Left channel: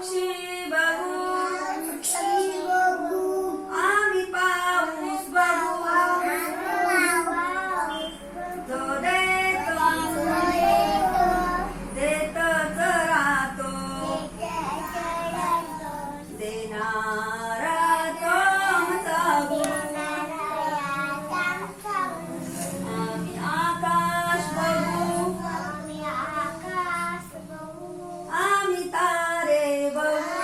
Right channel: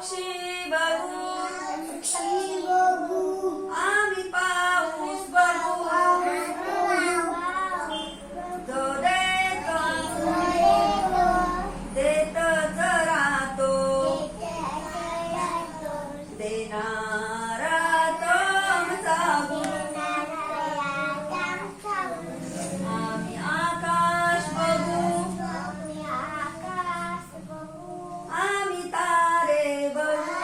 पक्षी बघू आम्ही पाऊस बघू तो देतच राहतो देणारा तो आमचा गुरु आम्ही आकाश बघू आम्ही तारे बघू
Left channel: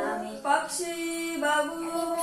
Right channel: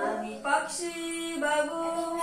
आम्ही पक्षी बघू